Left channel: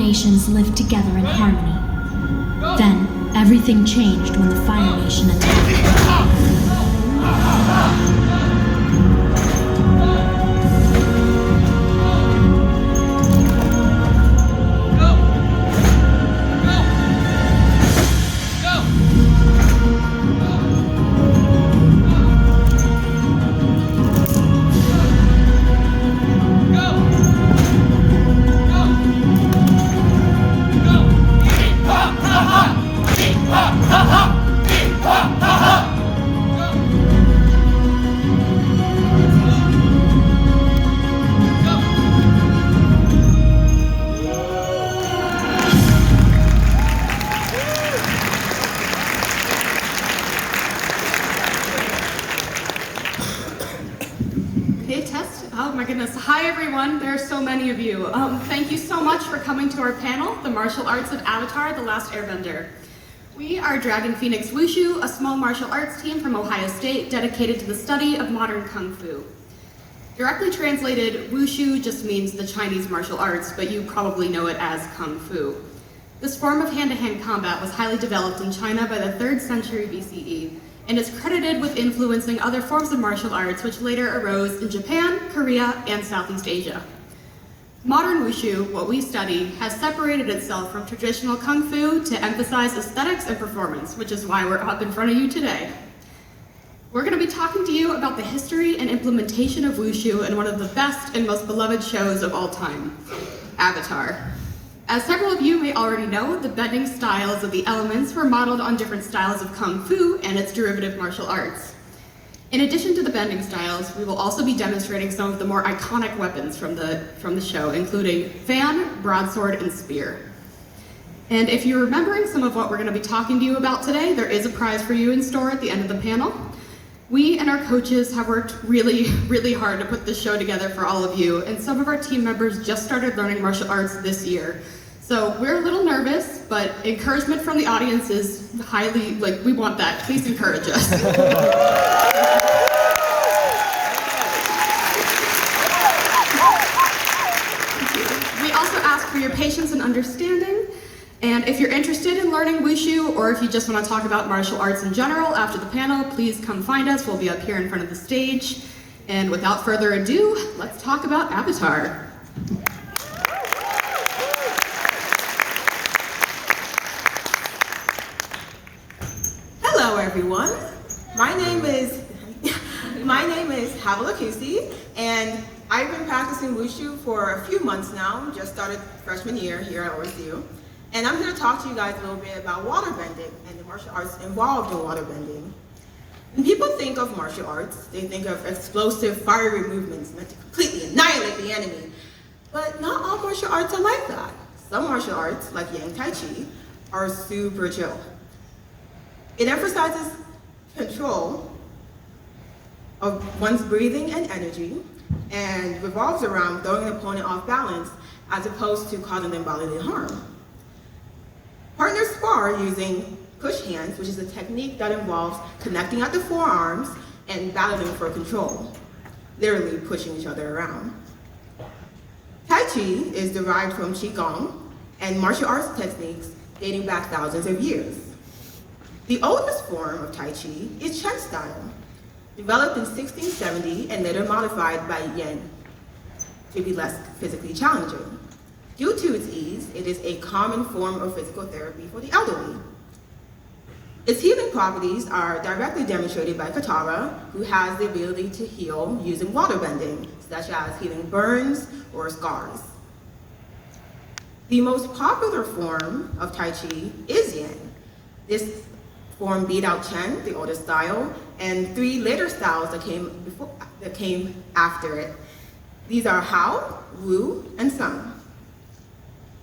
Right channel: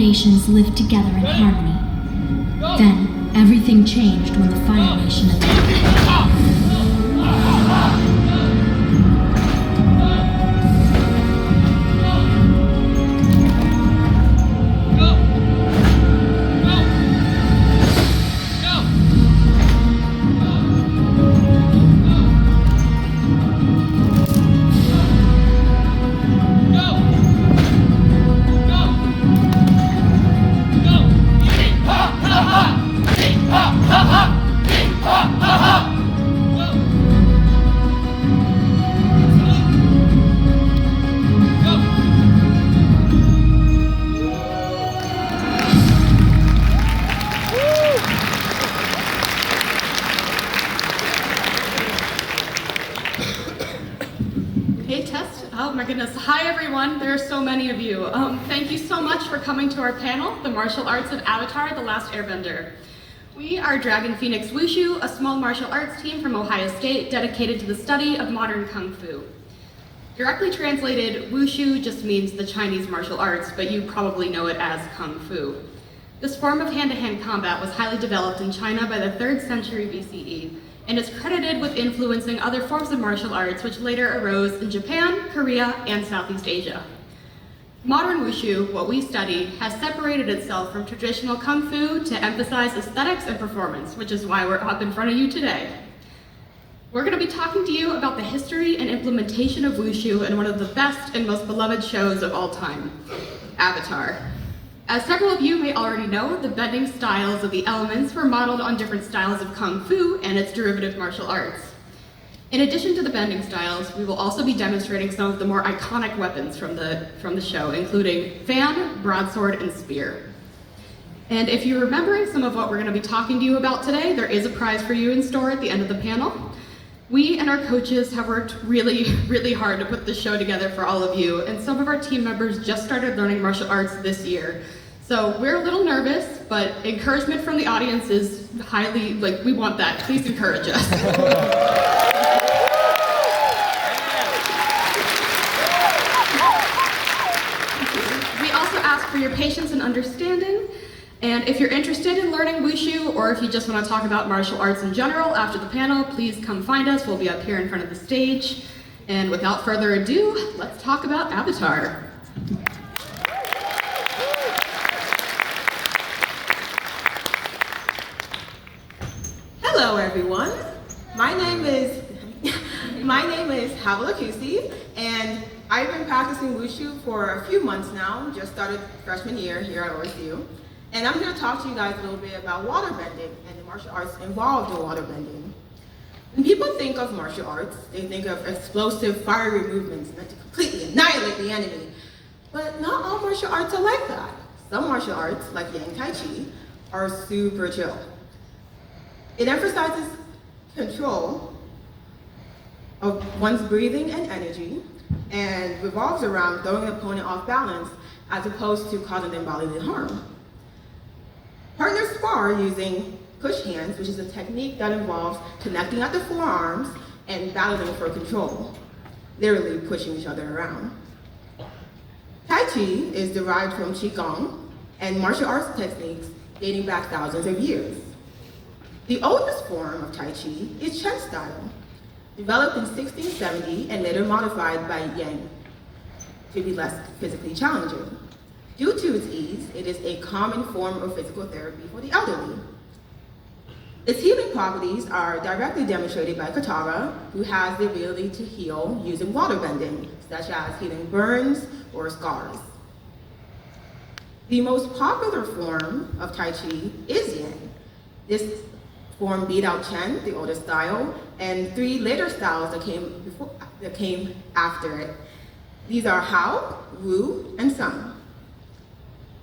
nations lived together in harmony. Then, everything changed when the Fire Nation attacked. Oh my goodness. Hi everyone, there are so many of you. Thank you so much for coming to our panel, The Martial Arts of Avatar, The Last Airbender. We are Dragon Phoenix Wushu, a small martial arts team from Ohio State dedicated to the study of modern Kung Fu. Directly translated, Wushu just means the Chinese martial arts, but you probably know it as Kung Fu. This form of hand-to-hand combat was highly developed in China by the 3rd century BCE, and is credited with influencing other forms of martial arts which later arose in Japan, Korea, and Southeast Asia. Modern Wushu, what we study, has separated itself from traditional Kung Fu to emphasize aesthetics and performance, which is why we're up in front of you today. We're going to be talking to you about the history and implementation of Wushu in one of the best and most beloved shows of all time, Avatar. As several of you may already know, the bending styles of the elements were modeled on different styles of Kung Fu and its derivative martial arts. In addition to the bending styles, we will also be demonstrating some of the more iconic weapons from the show, including fan, broadsword, and spear. And if you're remembering some of what we're going to be talking to you about today, there is a prize for you in store at the end of the panel. We and our coaches have worked really, really hard to put this show together for all of you, and some of our team members just started learning martial arts this year. So we're a little nervous, but encouragement from the audience is highly, we want that. Please encourage us. We also ask for your patience and understanding. And if you're interested in learning Wushu, or if you just want to talk about martial arts in general after the panel, please come find us. We'll be up here in front of the stage. And without further ado, let's talk about Avatar. Hello everyone, my name is Havalakusi, and I've been practicing Wushu for a few months now, just started freshman year here at OSU, and I'm here to talk to you guys a little bit about waterbending and the martial arts involved in waterbending. When people think of martial arts, they think of explosive, fiery movements meant to completely annihilate the enemy, but not all martial arts are like that. Some martial arts, like Yang Tai Chi, are super chill. It emphasizes control of one's breathing and energy, and revolves around throwing an opponent off balance as opposed to causing them bodily harm. Partners spar using push hands, which is a technique that involves connecting at the forearms and battling for control, literally pushing each other around. Tai Chi is derived from Qigong and martial arts techniques dating back thousands of years. The oldest form of Tai Chi is Chen style, developed in 1670 and later modified by Yang to be less physically challenging. Due to its ease, it is a common form of physical therapy for the elderly. Its healing properties are directly demonstrated by Katara, who has the ability to heal using waterbending, such as healing burns or scars. The most popular form of Tai Chi is Yang. This form beat out Chen, the oldest style, and 3 later styles that came after it. These are Hao, Wu, and Sun.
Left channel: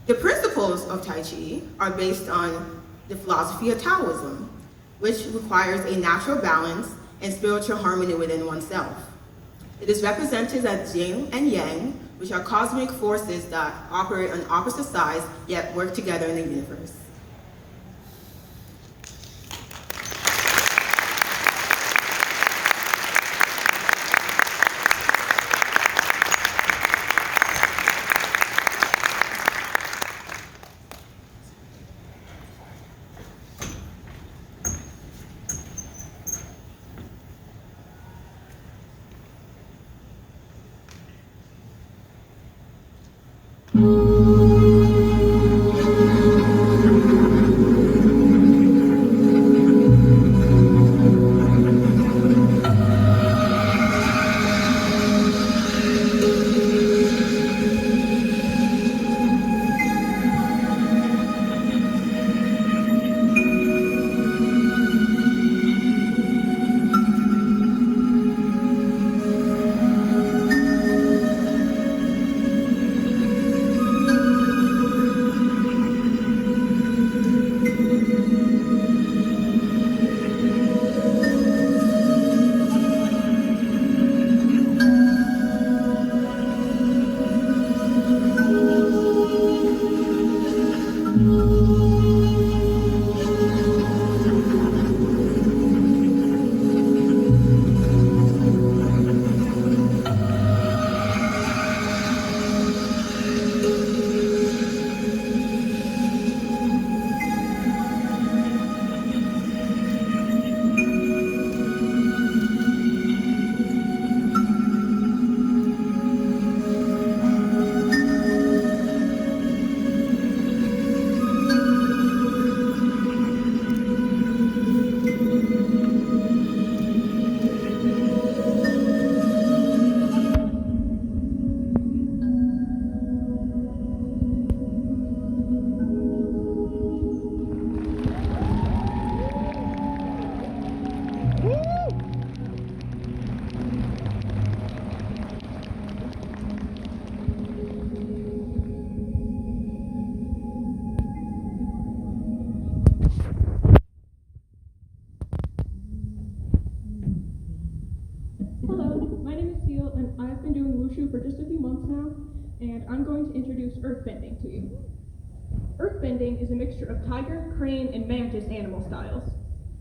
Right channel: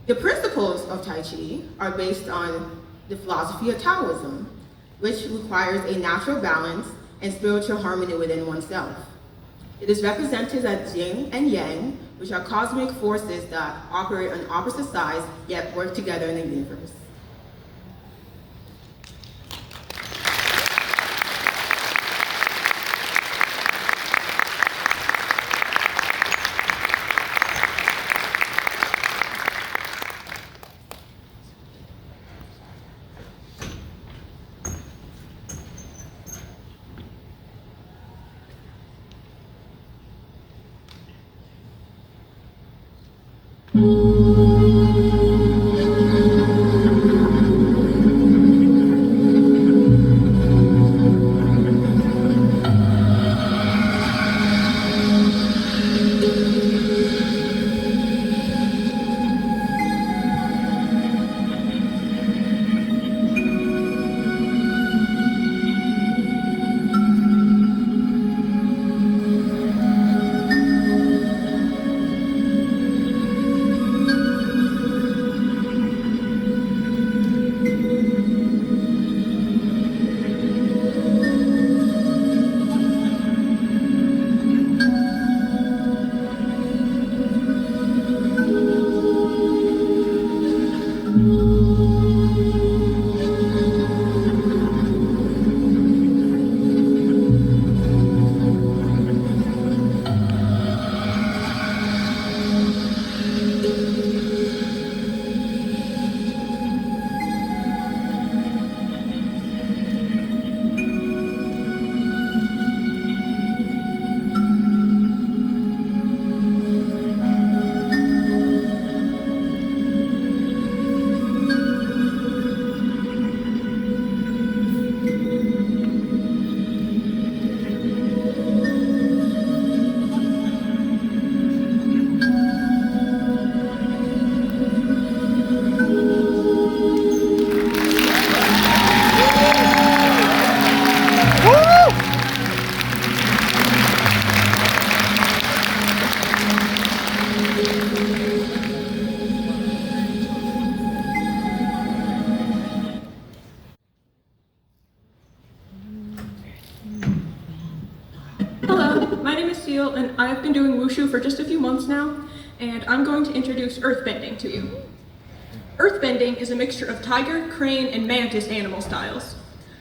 The principles of Tai Chi are based on the philosophy of Taoism, which requires a natural balance and spiritual harmony within oneself. It is represented as Yin and Yang, which are cosmic forces that operate on opposite sides yet work together in the universe. And I've been doing Wushu for just a few months now, and I'm going to introduce earthbending to you. Earthbending is a mixture of tiger, crane, and mantis animal styles.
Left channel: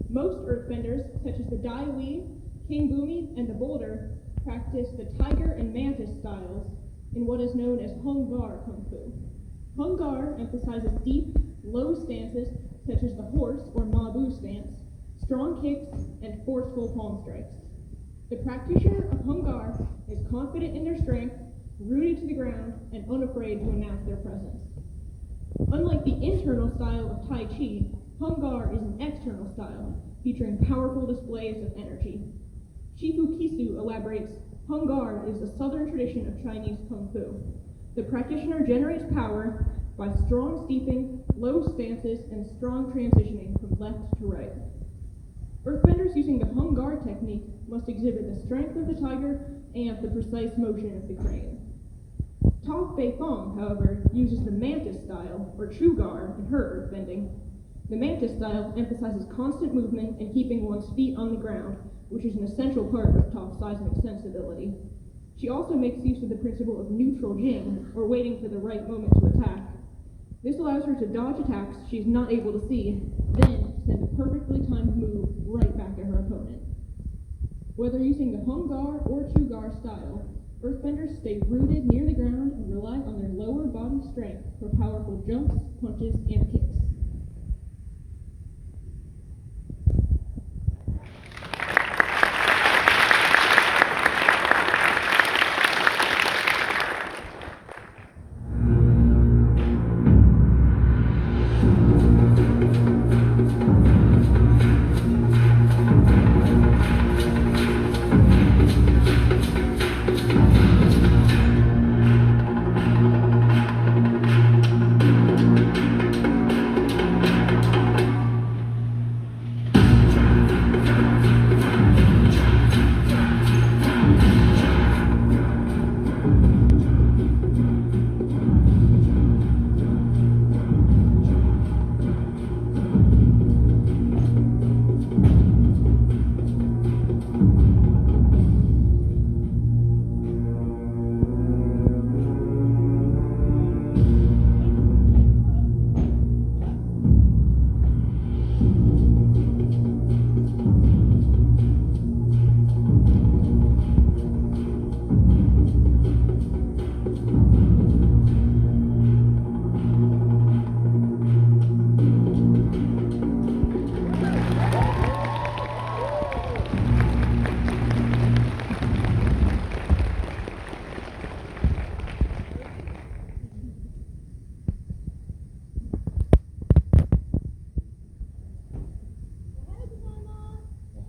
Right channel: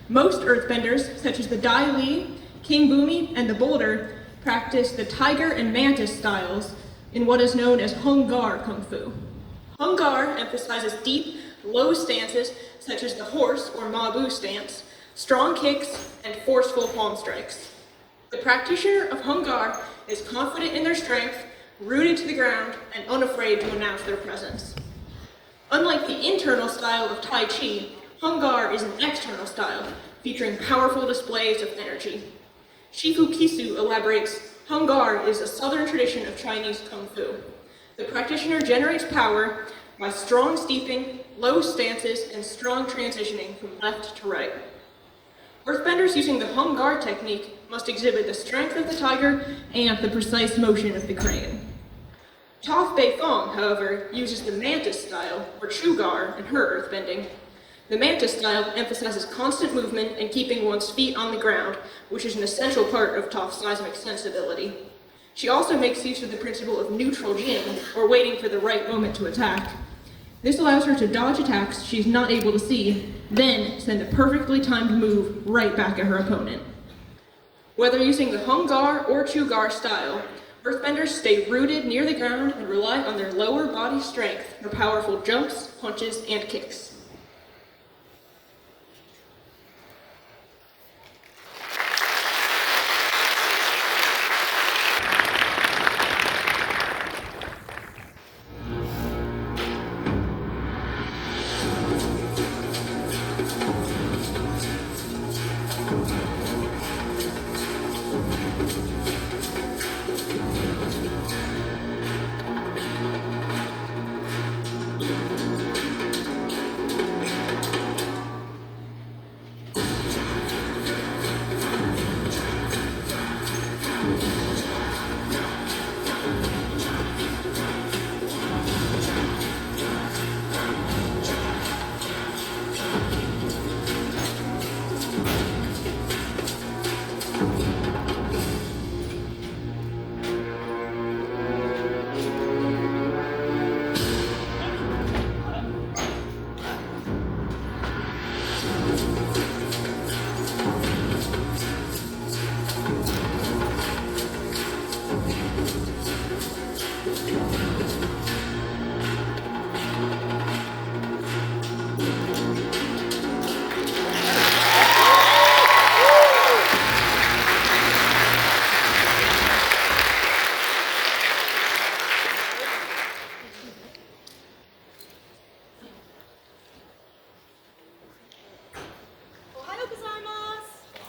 Most earthbenders, such as the Dai Li, King Bumi, and the Boulder, practice the tiger and mantis styles in what is known as Hung Gar Kung Fu. Hung Gar emphasizes deep, low stances, such as the horse or Ma Bu stance, strong kicks, and forceful palm strikes. The practitioner of Hung Gar is confident in their strength, rooted to the ground, and unafraid to announce their presence. Unlike the internal style of Tai Chi, Hung Gar is an external style, featuring powerful displays of energy. Shifu Kisu elaborates, Hung Gar is a southern tradition of Chinese Kung Fu. The practitioner generates power by strong steeping, low stances, and strong transitioning from left to right. Earthbenders using the Hung Gar technique must exhibit the strength of the tiger and the precise motion of the crane. Toph Bei Fong, however, uses the mantis style, or Chu Gar, in her earthbending. The mantis style emphasizes constant movement and keeping one's feet on the ground, which is an essential part of Toph's seismic sensibility. She also makes use of the principle of neutral jin, or waiting for the right moment to attack. This allows her to dodge attacks she's not able to see, then send a perfectly timed move right back at her opponent. Whether using the Hung Gar or Chu Gar style, earthbenders stay rooted near the ground and rely on their lower body strength for powerful jumps, punches, and kicks.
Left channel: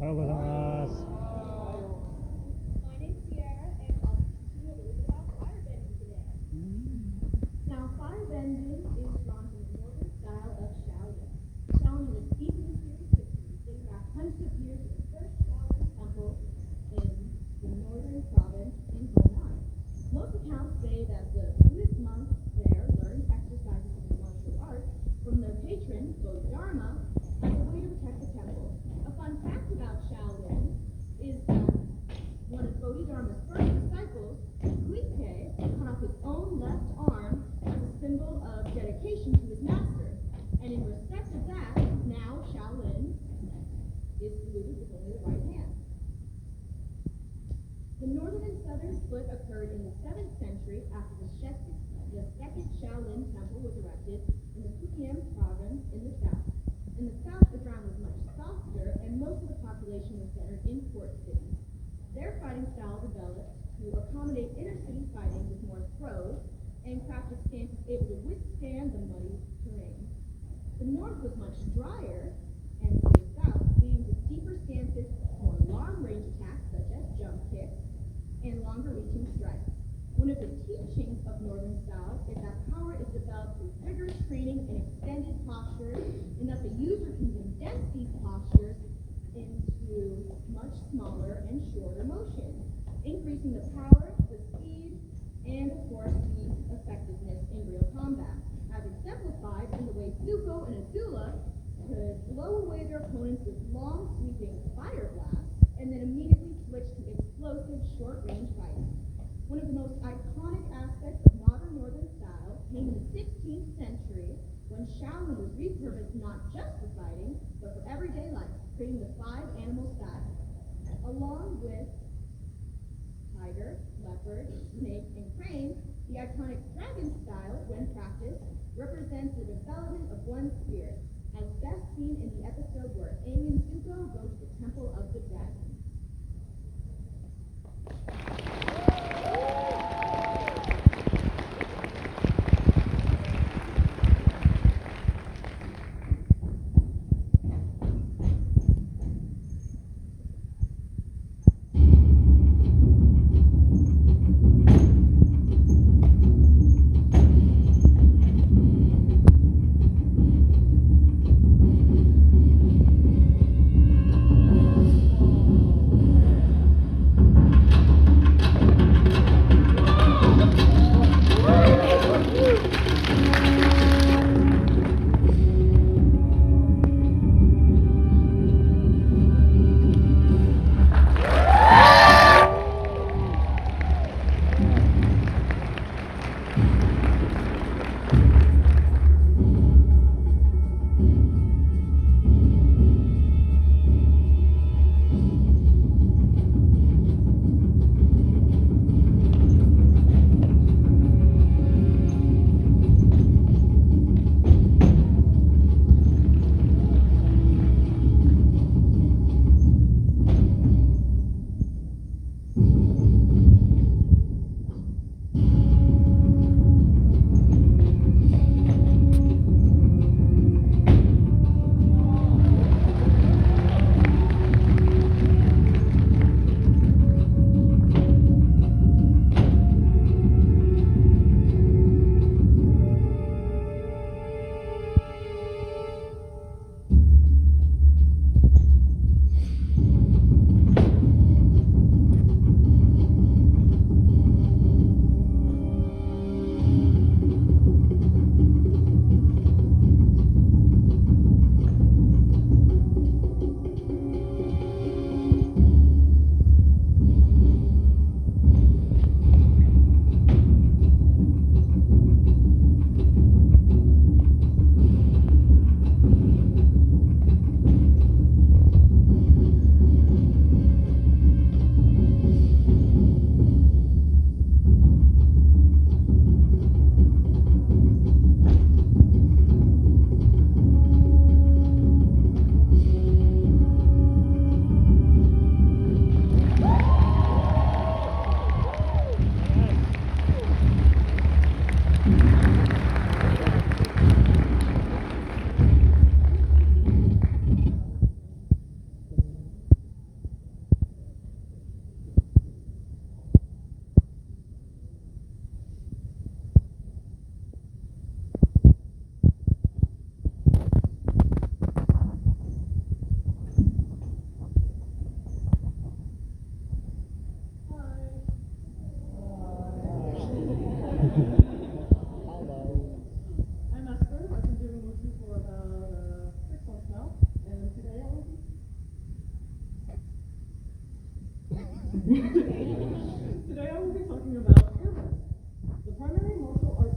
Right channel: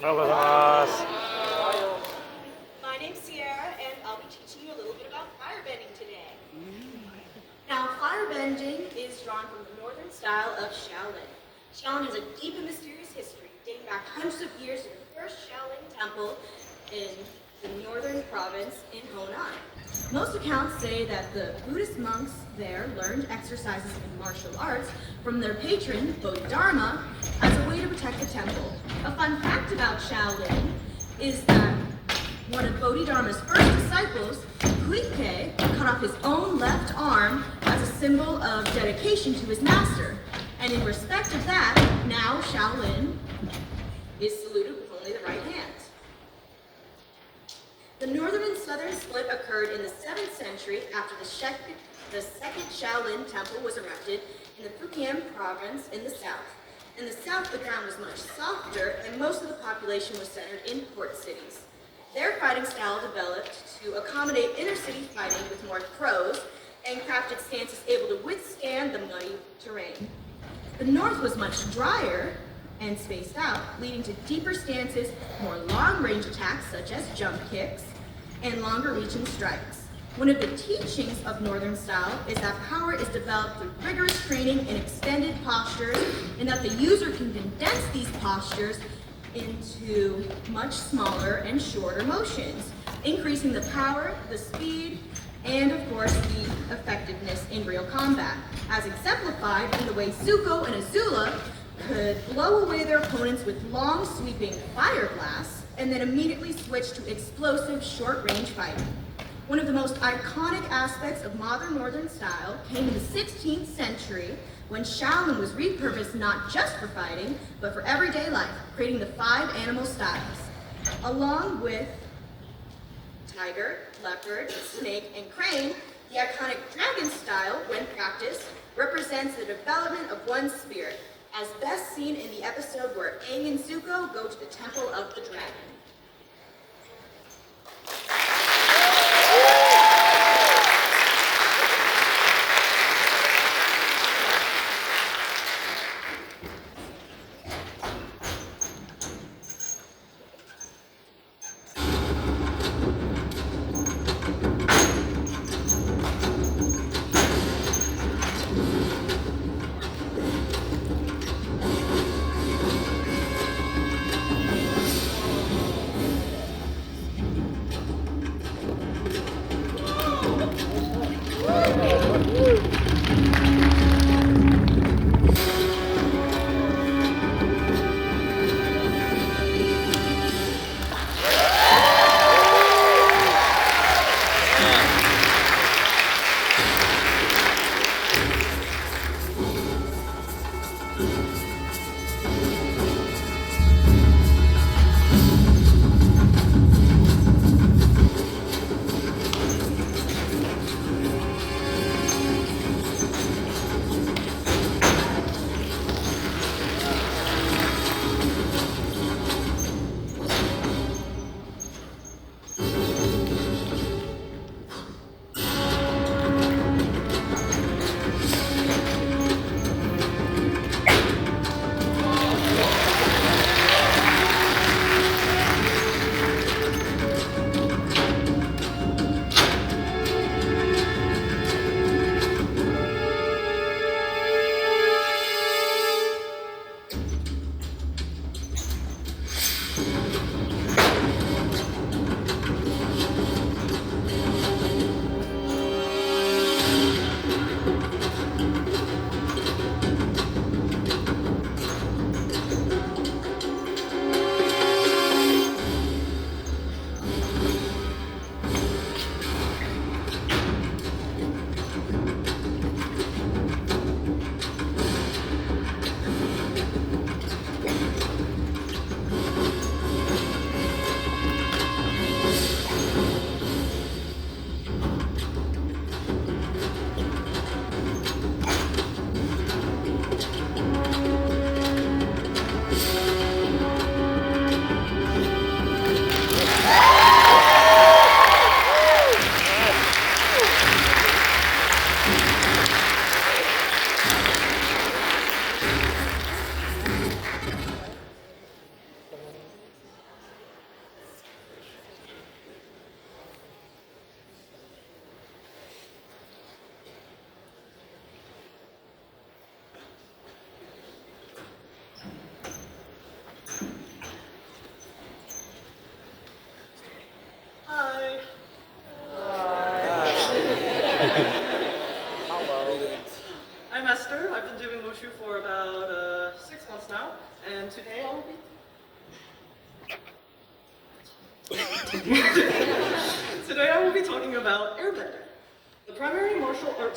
My name's Sierra, and I'll be teaching you a little bit about firebending today. Now, firebending is drawn from the northern style of Shaolin. Shaolin has a deep and mysterious history, dating back hundreds of years to the first Shaolin temple in the northern province in Honan. Most accounts say that the Buddhist monks there learned exercises in martial arts from their patron, Bodhidharma, as a way to protect the temple. A fun fact about Shaolin is that one of Bodhidharma's first disciples, Kuike, cut off his own left arm as a symbol of dedication to his master. And in respect of that, now Shaolin is saluted with only the right hand. The northern and southern split occurred in the 7th century after the second Shaolin temple was erected in the Fujian province in the south. In the south, the ground was much softer, and most of the population was centered in port cities. Their fighting style developed to accommodate inner-city fighting with more throws and crafted stances able to withstand the muddy terrain. The north was much drier and spaced out, leading to deeper stances, more long-range attacks such as jump kicks, and longer-reaching strikes. One of the teachings of northern style is that power is developed through rigorous training and extended postures, and that the user can condense these postures into much smaller and shorter motions, increasing the power, the speed, and of course the effectiveness in real combat, as exemplified in the way Zuko and Azula could blow away their opponents with long sweeping fire blasts and then immediately switch to explosive short-range fighting. One of the most iconic aspects of modern northern style came in the 16th century when Shaolin was repurposed not just for fighting, but for everyday life, creating the 5 animal styles. Along with tiger, leopard, snake, and crane, the iconic dragon style, when practiced, represents the development of one's spirit, as best seen in the episode where Aang and Zuko go to the Temple of the Dragon.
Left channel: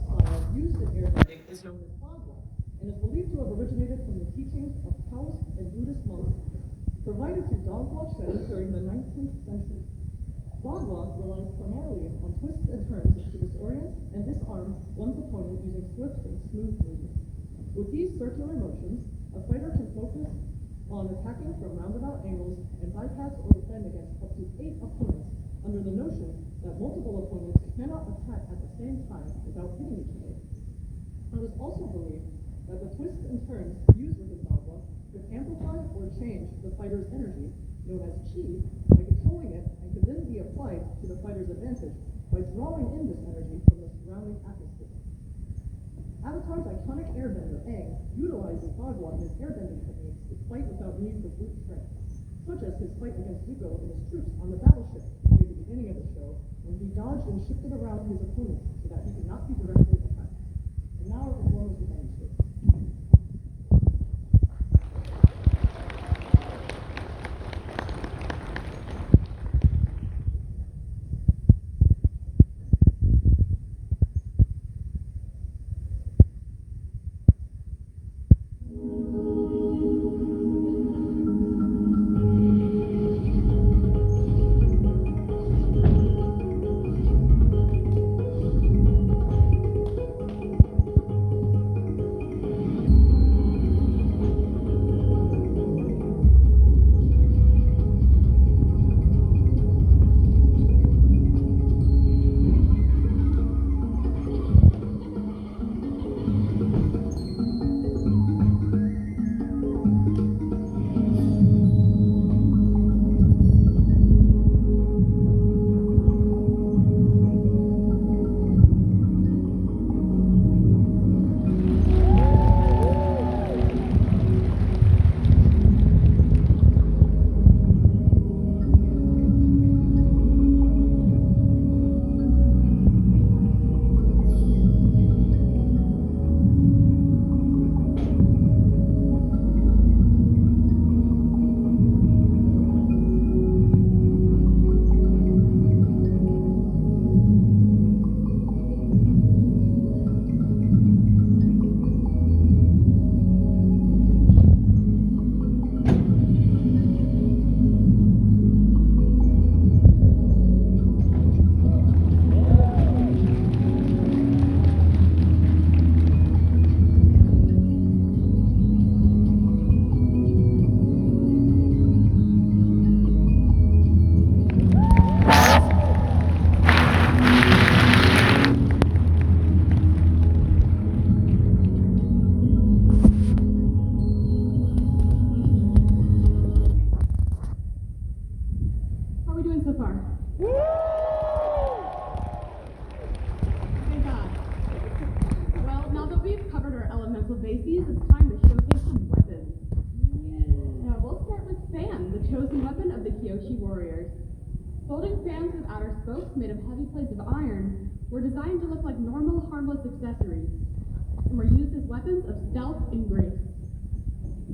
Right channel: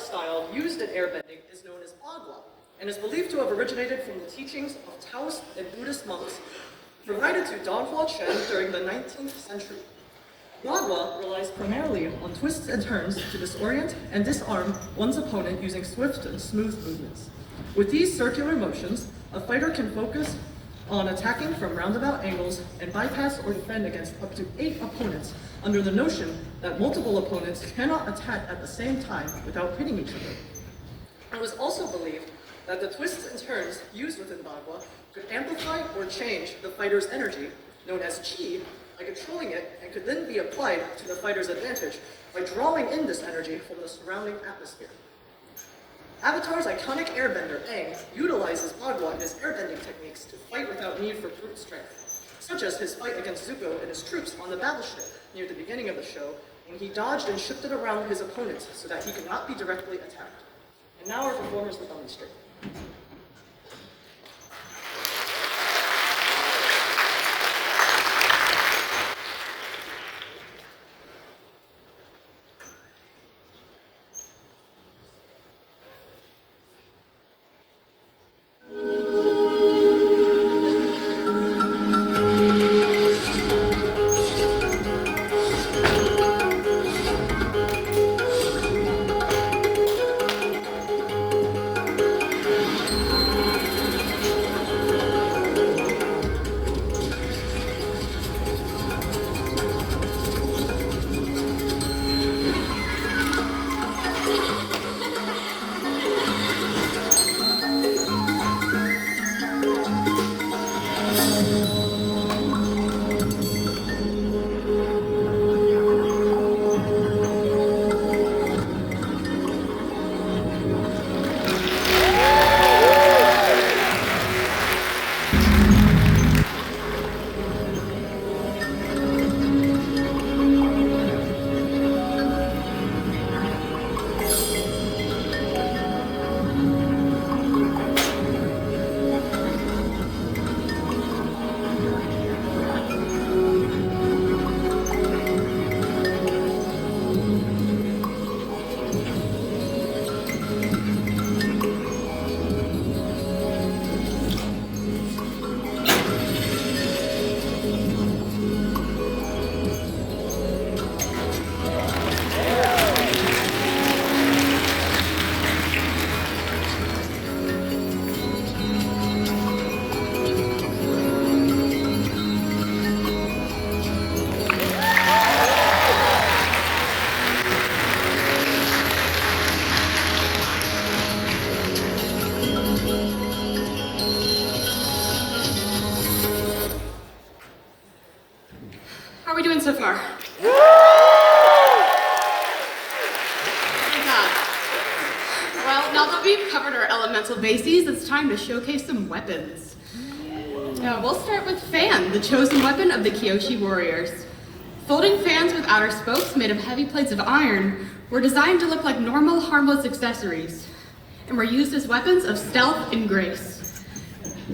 style used in airbending is known as BaGua, and is believed to have originated from the teachings of Taoist and Buddhist monks provided to Donghua Chen during the 19th century. BaGua relies primarily on twists and turns to disorient and disarm one's opponent using swift and smooth movements. With these circular motions, a fighter can focus on attacking from roundabout angles and bypass or defend against up to 8 opponents under the notion that multiple opponents cannot attack at the same time without hitting each other. It was also believed that the twists and turns used within BaGua could amplify or change the fighter's energy, known as Qi, by controlling it, and could then be applied to the fighter's advantage by drawing in this energy from the surrounding atmosphere. Avatar's iconic airbender, Aang, utilizes BaGua in his airbending techniques to fight without need for brute strength, such as his fight against Zuko and his troops on the battleship near the beginning of the show, when he dodged and shifted around his opponents so that he could not be directly attacked. And now our performers will demonstrate. So far. Well, now that we've covered our elemental bases, it's time to showcase some weapons. We'll start with Fan, the chosen weapon of the Kyoshi warriors. Folding fans with outer spokes made of heavy plates of iron were designed to look like normal, harmless accessories, and were used as weapons of stealth and grace.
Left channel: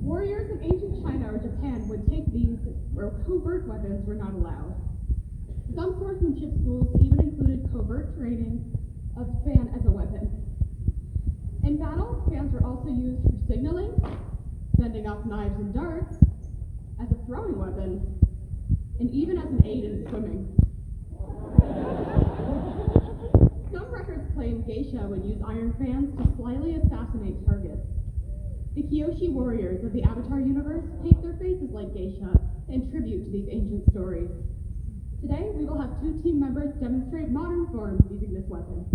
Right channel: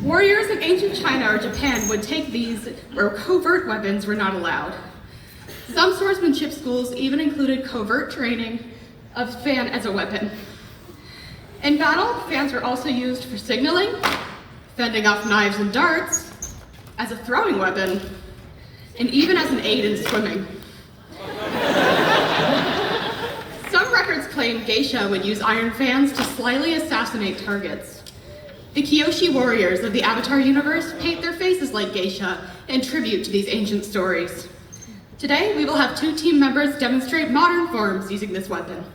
Warriors in ancient China or Japan would take these where covert weapons were not allowed. Some swordsmanship schools even included covert training of fan as a weapon. In battle, fans were also used for signaling, fending off knives and darts, as a throwing weapon, and even as an aid in swimming. Some records claim geisha would use iron fans to slyly assassinate targets. The Kyoshi warriors of the Avatar universe paint their faces like geisha in tribute to these ancient stories. Today, we will have 2 team members demonstrate modern forms using this weapon.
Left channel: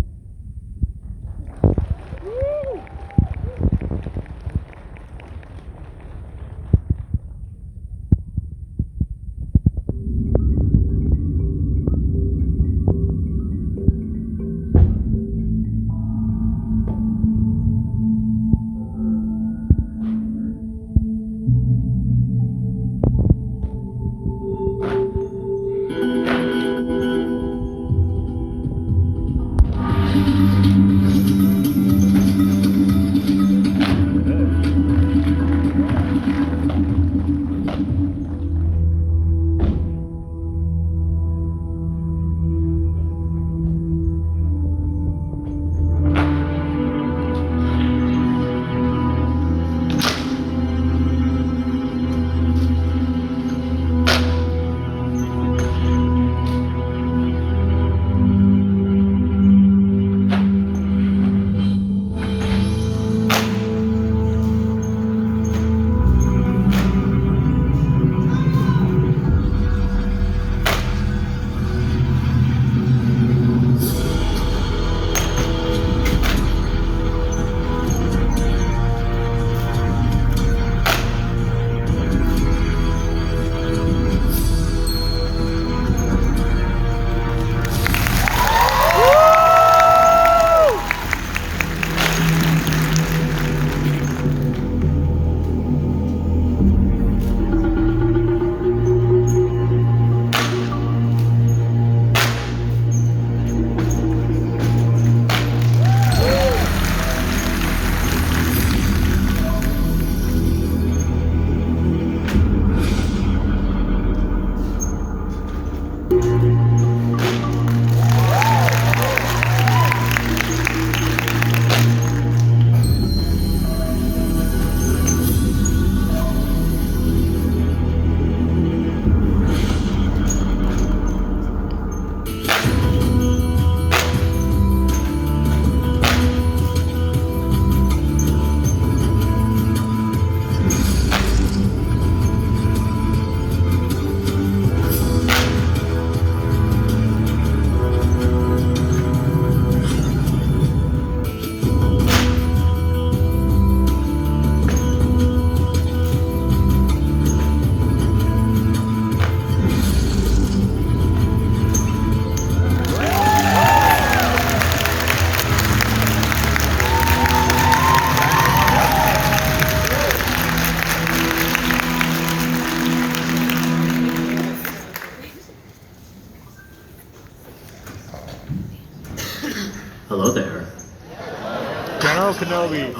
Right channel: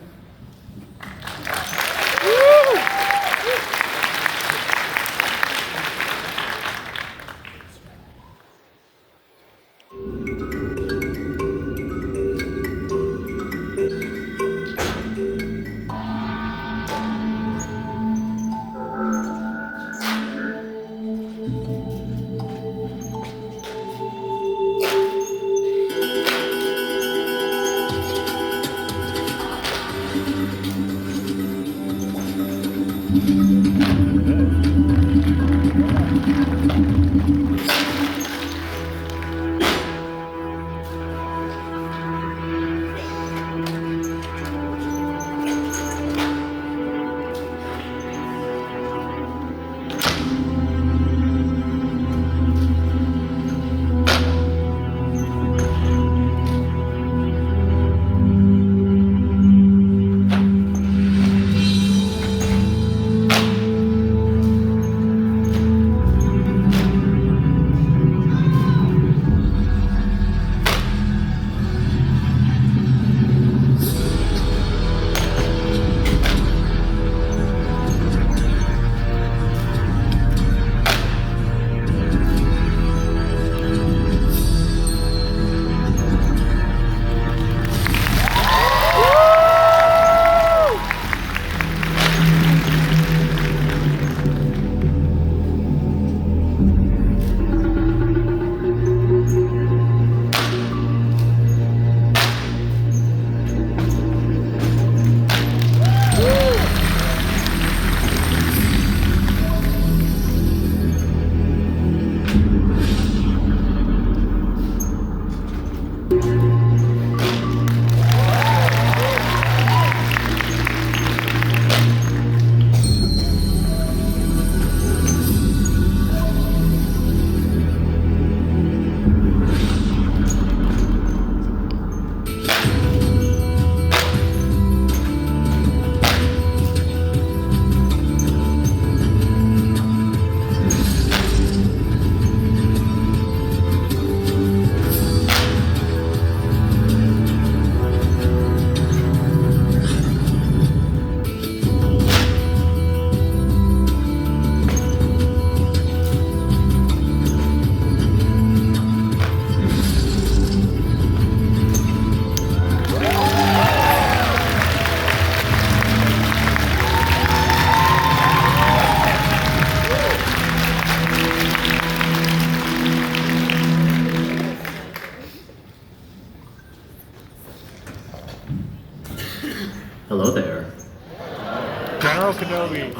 General Kenobi.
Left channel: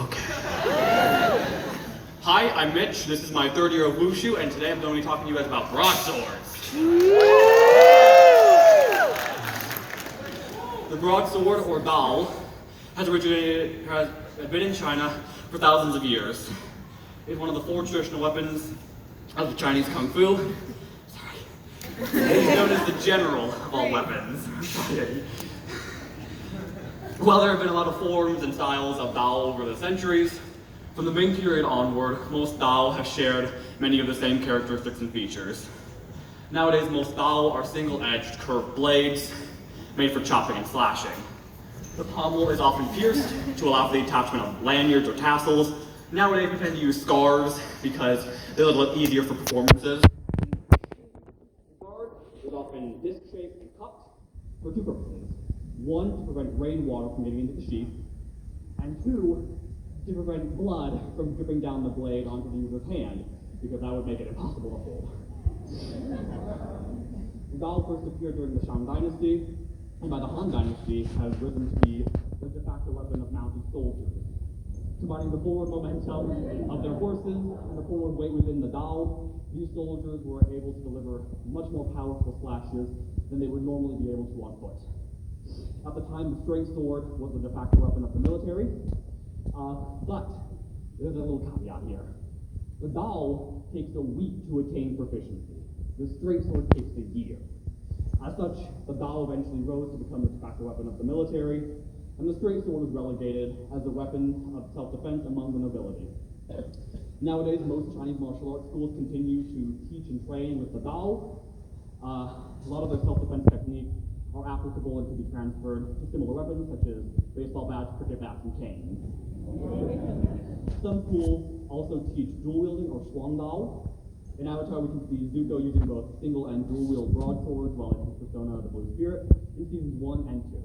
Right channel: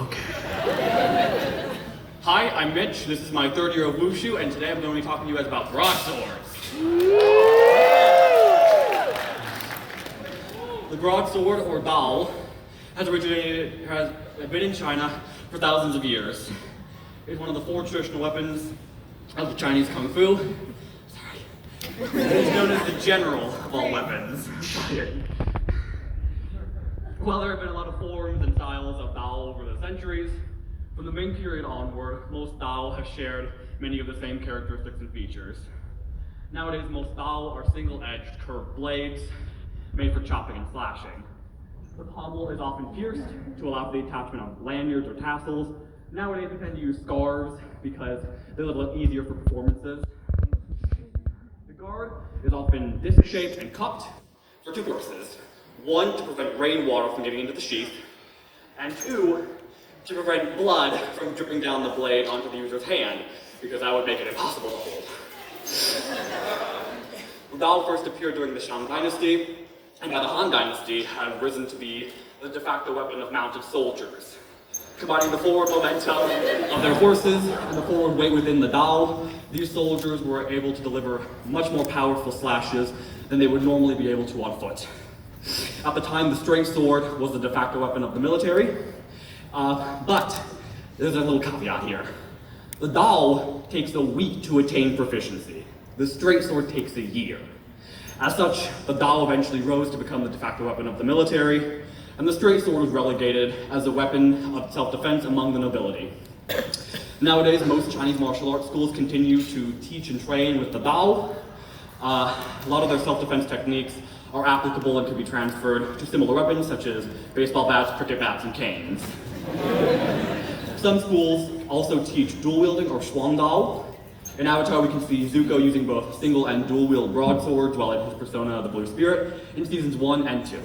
Hi, I'm Mitch. This is my third year of Wushu, and today I'm going to be talking to you guys about broadswords. The broadsword, or Dao, has been in China for thousands of years. It's one of the 4 traditional weapons of the Chinese Kung Fu. Sorry. It is known as the general of all weapons. While there have been a lot of forms and styles of Dao over the centuries, from the Ming period onward, most Dao have shared many of the same characteristics and features. Nowadays, most Dao are single-edged curved blades made for chopping and slashing. The pommel is often pierced to allow for the attachment of lanyards or tassels. Nowadays, we tend to use scarves because they're a little easier for performances. The guard is often disc-shaped and cupped for 2 purposes. 1, to prevent rainwater from getting into the sheath, and 2, to prevent blood from dripping down the blade onto the user's hand, because that would make it impossible to hold. The Dao first appeared during the Shang Dynasty, and by the Han Dynasty have risen to be the de facto weapon of mounted soldiers. Combining the forward momentum of their horses and the forward weight within the Dao, these soldiers were able to deliver much more powerful slashes than they would normally be able to on foot. At the time, the straight sword was the de facto weapon of the military, but there's a little caveat here. The Dao takes a week to attain proficiency. The straight sword takes a year. As such, the Dao eventually rose to become the de facto weapon of the military, and the straight sword was relegated as a weapon of self-defense among the nobility. Nowadays, most Chinese martial arts schools continue to teach and train with the Dao. A lot of their self-defense techniques are applicable and can be transferred to similar weapons such as baseball bats, cricket bats, and canes. Some schools also teach dual wielding or Shuang Dao. In Avatar, we can see Zuko using both single and dual wield broadswords while in his persona, the Blue Spirit, in seasons 1 and 2.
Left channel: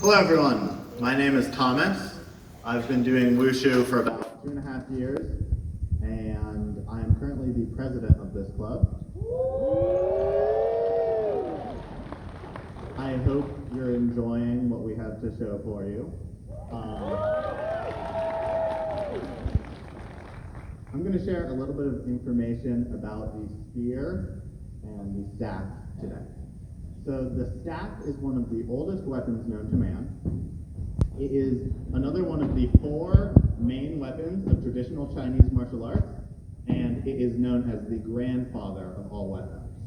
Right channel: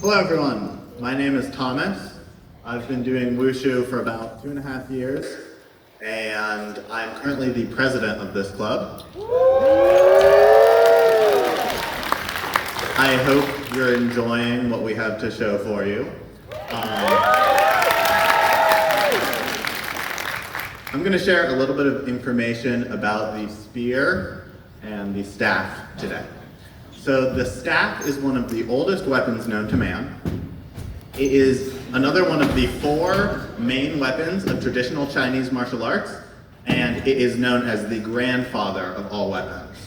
Hello everyone, my name is Thomas. I've been doing Wushu for about 2.5 years, and I'm currently the president of this club. I hope you're enjoying what we have to show for you. I'm going to share a little bit of information about the spear and the staff today. So the staff is one of the oldest weapons known to man. It is another one of the 4 main weapons of traditional Chinese martial arts, and it is known as the grandfather of all weapons.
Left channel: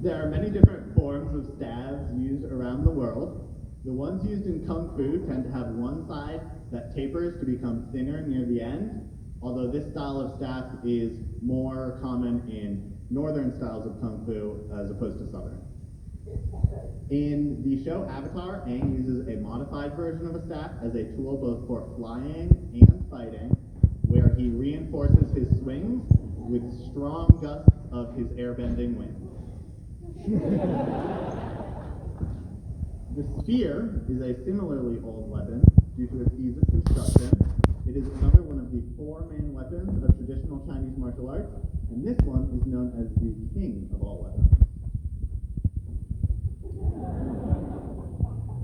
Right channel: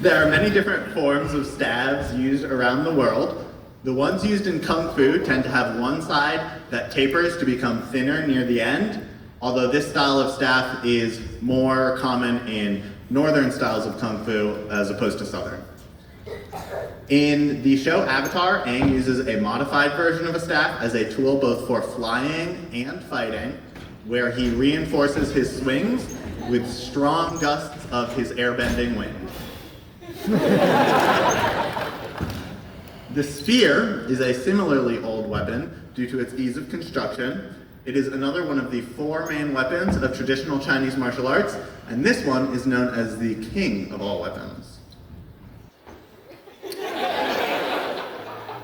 There are many different forms of staves used around the world. The ones used in Kung Fu tend to have one side that tapers to become thinner near the end, although this style of staff is more common in northern styles of Kung Fu as opposed to southern. In the show Avatar, Aang uses a modified version of a staff as a tool both for flying and fighting, where he reinforces his swings with strong gusts of his airbending wind. The spear is a similarly old weapon due to its ease of construction. It is another one of the 4 main weapons of traditional Chinese martial arts, and this one is known as the king of all weapons.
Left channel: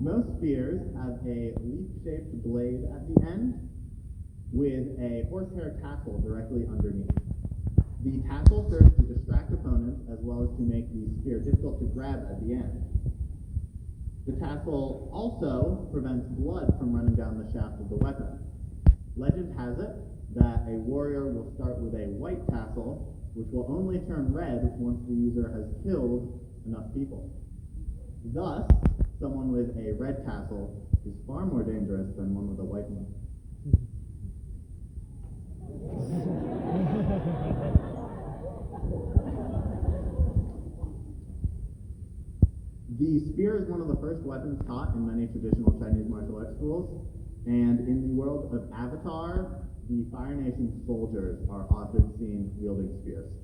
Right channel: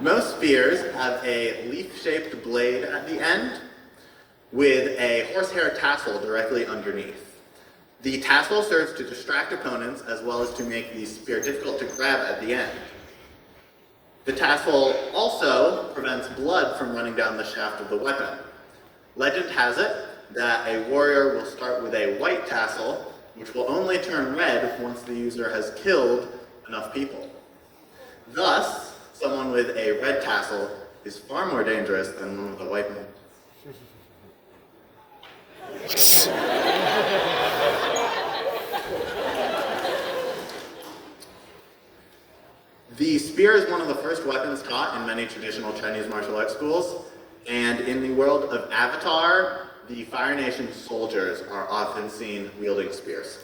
Most spears have a leaf-shaped blade at the end with a horsehair tassel directly underneath. The tassel serves to distract opponents as well as to make the spear difficult to grab at the end. The tassel also prevents blood from running down the shaft of the weapon. Legend has it that a warrior will start with a white tassel, which will only turn red once the user has killed enough people. Thus, someone with a red tassel is far more dangerous than one with a white one. The spear is one of the first weapons taught in many traditional Chinese martial arts schools, and in the world of Avatar, the Fire Nation soldiers are often seen wielding spears.